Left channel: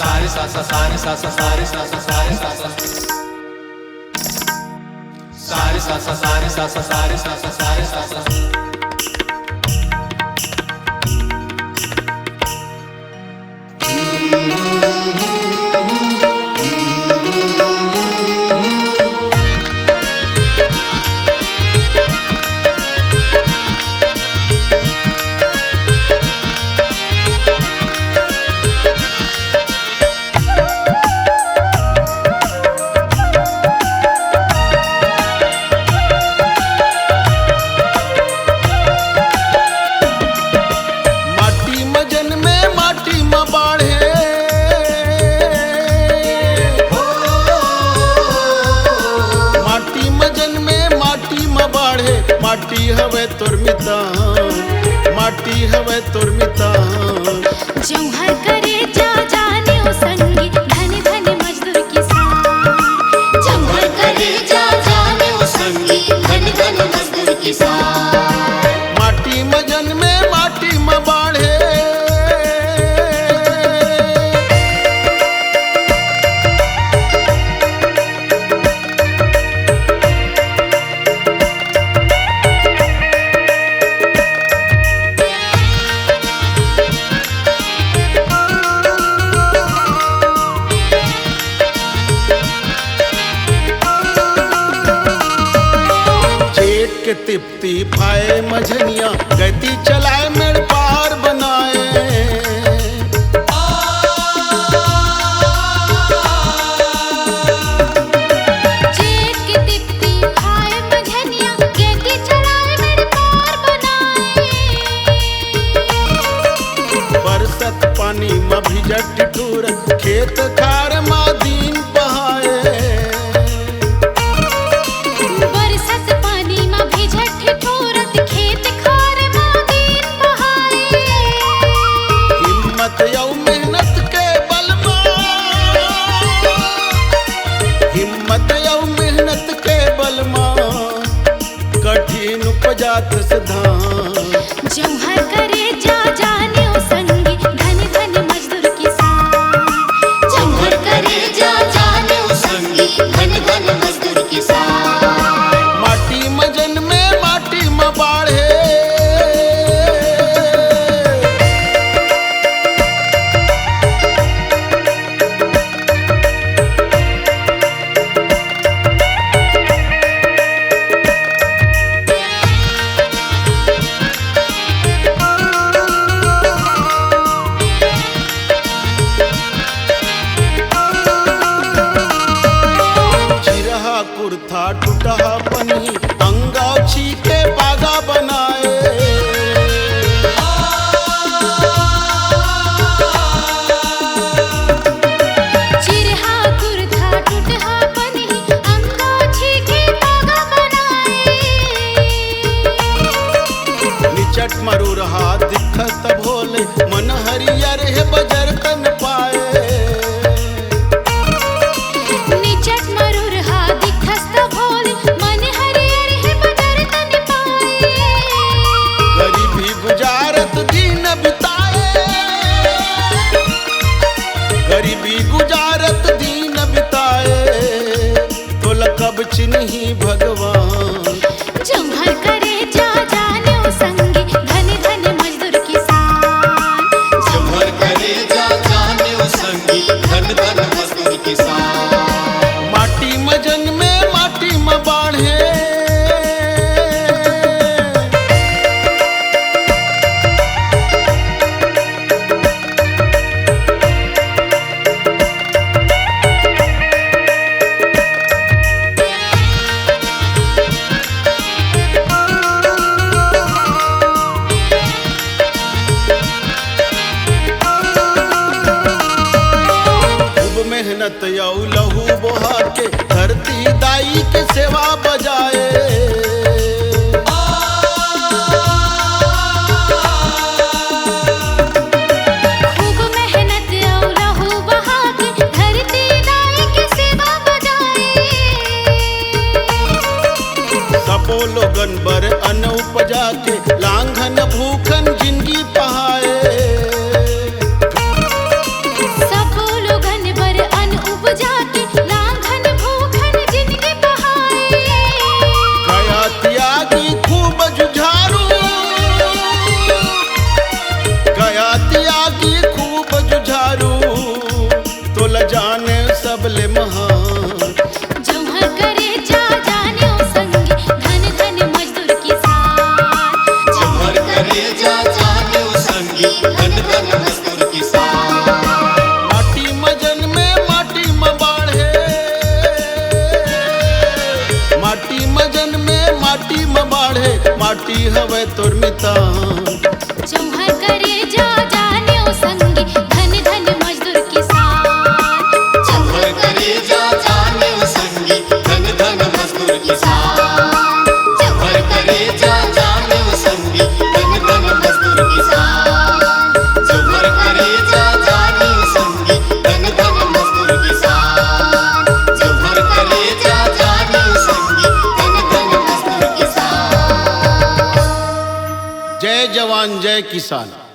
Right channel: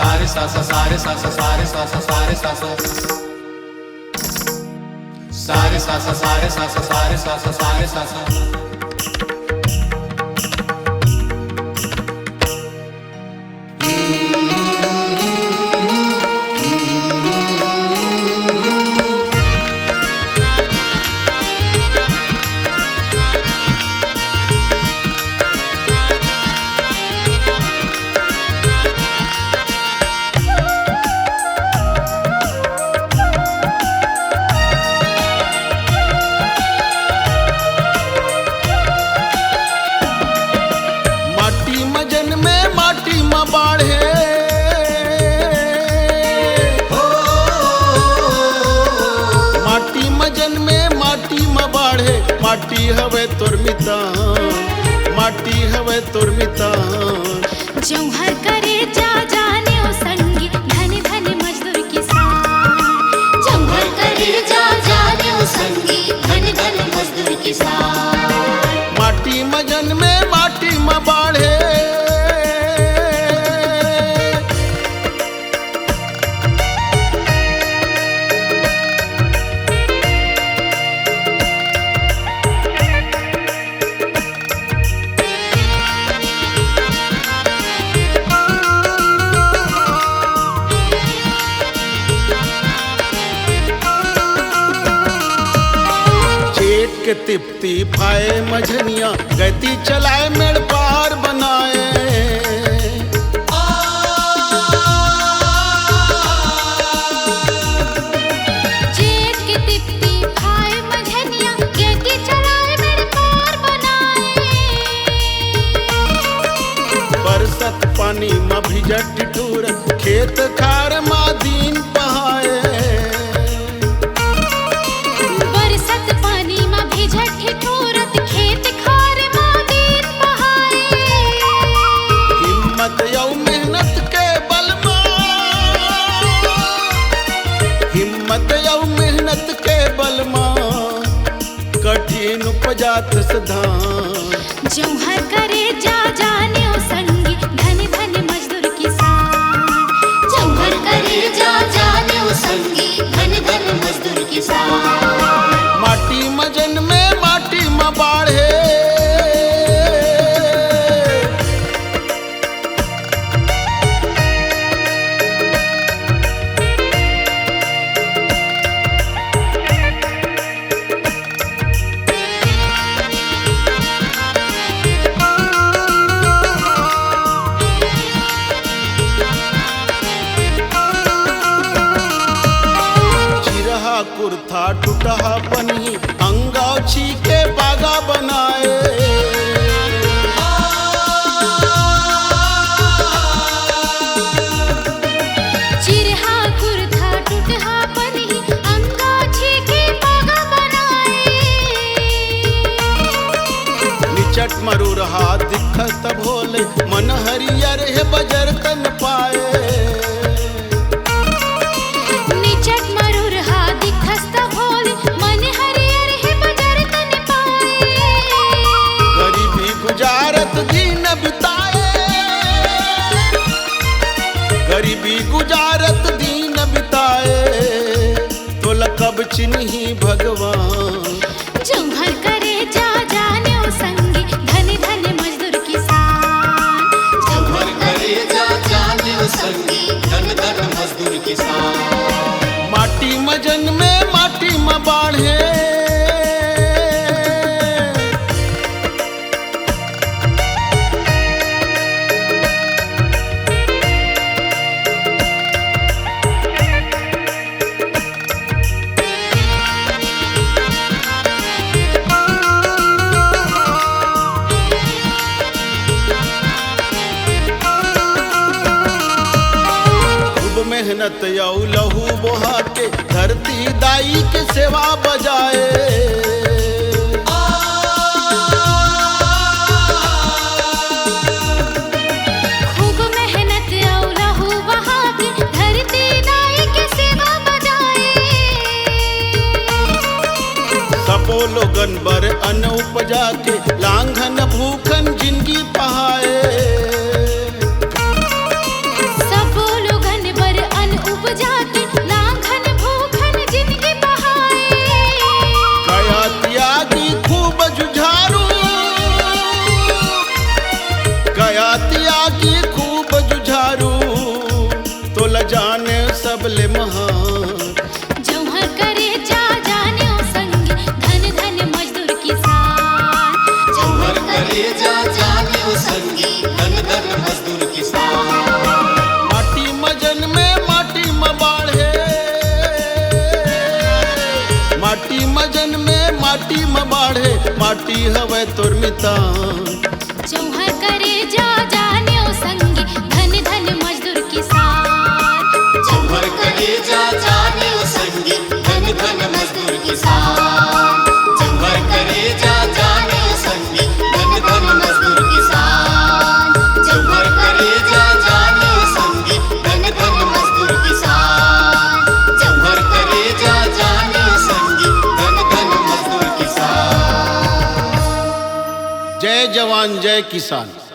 सारे सा सा सारे सा सा सारे सा सा सारे सा सा सारे सा सा सारे सा सा सारे सा सा सारे सा सा मजन में माटी में बाढ़े माटी मजन में माटी में बाढ़े माटी हवे तोर मितान माटी हवे तोर मितान जौहर करे जा जाने ओ संगी धन धन मजदूर किसान जौहर करे जा जाने ओ संगी धन धन मजदूर किसान माटी मजन में माटी में बाढ़े जेठ के तिप्ती फाए मझनिया गति चलाए मेड़ पार बनाए जेठ की तिप्ती खाए मझनिया गति चलाए मेरे पार बनाए बरसत पानी में भिजट टिटूर खेत खार मा दीन बहाए बरसत पानी में भिजट ठिठुरत खेत खार मां दिन बहाए हिम्मत यौ मेहनत के बल में हिम्मत यौ मेहनत के बल में कठिन उपजात सधान जौहर करे जा जाने ओ संगी धन धन मजदूर किसान जौहर करे जा जाने ओ संगी धन धन मजदूर किसान माटी मजन में माटी में बाढ़े चिरहा कुर्था टूटहा पनी अंगाछी के बागा बनाए चिरहा कुर्था टूटहा पनी अंगाछी के बागा बनाए निचट मरु रहा दिखत भोले मन हरियर है बजर तन पाए निचट मरुर हा दिखस्त भोले मन हरियर है बजर तन पाए गरीबी गुजारत दिन बिताए गरीबी गुजारत दिन बिताए तो लकब चिन्ही भगवान जौहर करे जा जाने ओ संगी धन धन मजदूर किसान जौहर करे जा जाने ओ संगी धन धन मजदूर किसान माटी मजन में माटी में बाढ़े मेहनत यौ लहू बोहा के धरती दाई के सेवा बजाए खूब मेहनत औ लहू बहा के धरती दाई के सेवा बजाए सबो लोगन बर अन्न उपजा के लांघन भूखन जिंदगी पहाए सब लोग हयातिया की खूब जुझारू तो लजाने सबले महान। जौहर करे जा जाने ओ संगी धन धन मजदूर किसान। जौहर करे जा जाने ओ संगी धन धन मजदूर किसान। माटी मजन में माटी में बाढ़े, माटी मजन में माटी में बाढ़े, माटी हवे तोर मितान। जौहर करे जा जाने ओ संगी धन धन मजदूर किसान। जौहर करे जा जाने ओ संगी धन धन मजदूर किसान। जौहर करे जा जाने ओ संगी धन धन मजदूर किसान। जौहर करे जा जाने ओ संगी धन धन मजदूर किसान। जौहर करे जा जाने ओ संगी धन धन मजदूर किसान। जय जवान जय किसान।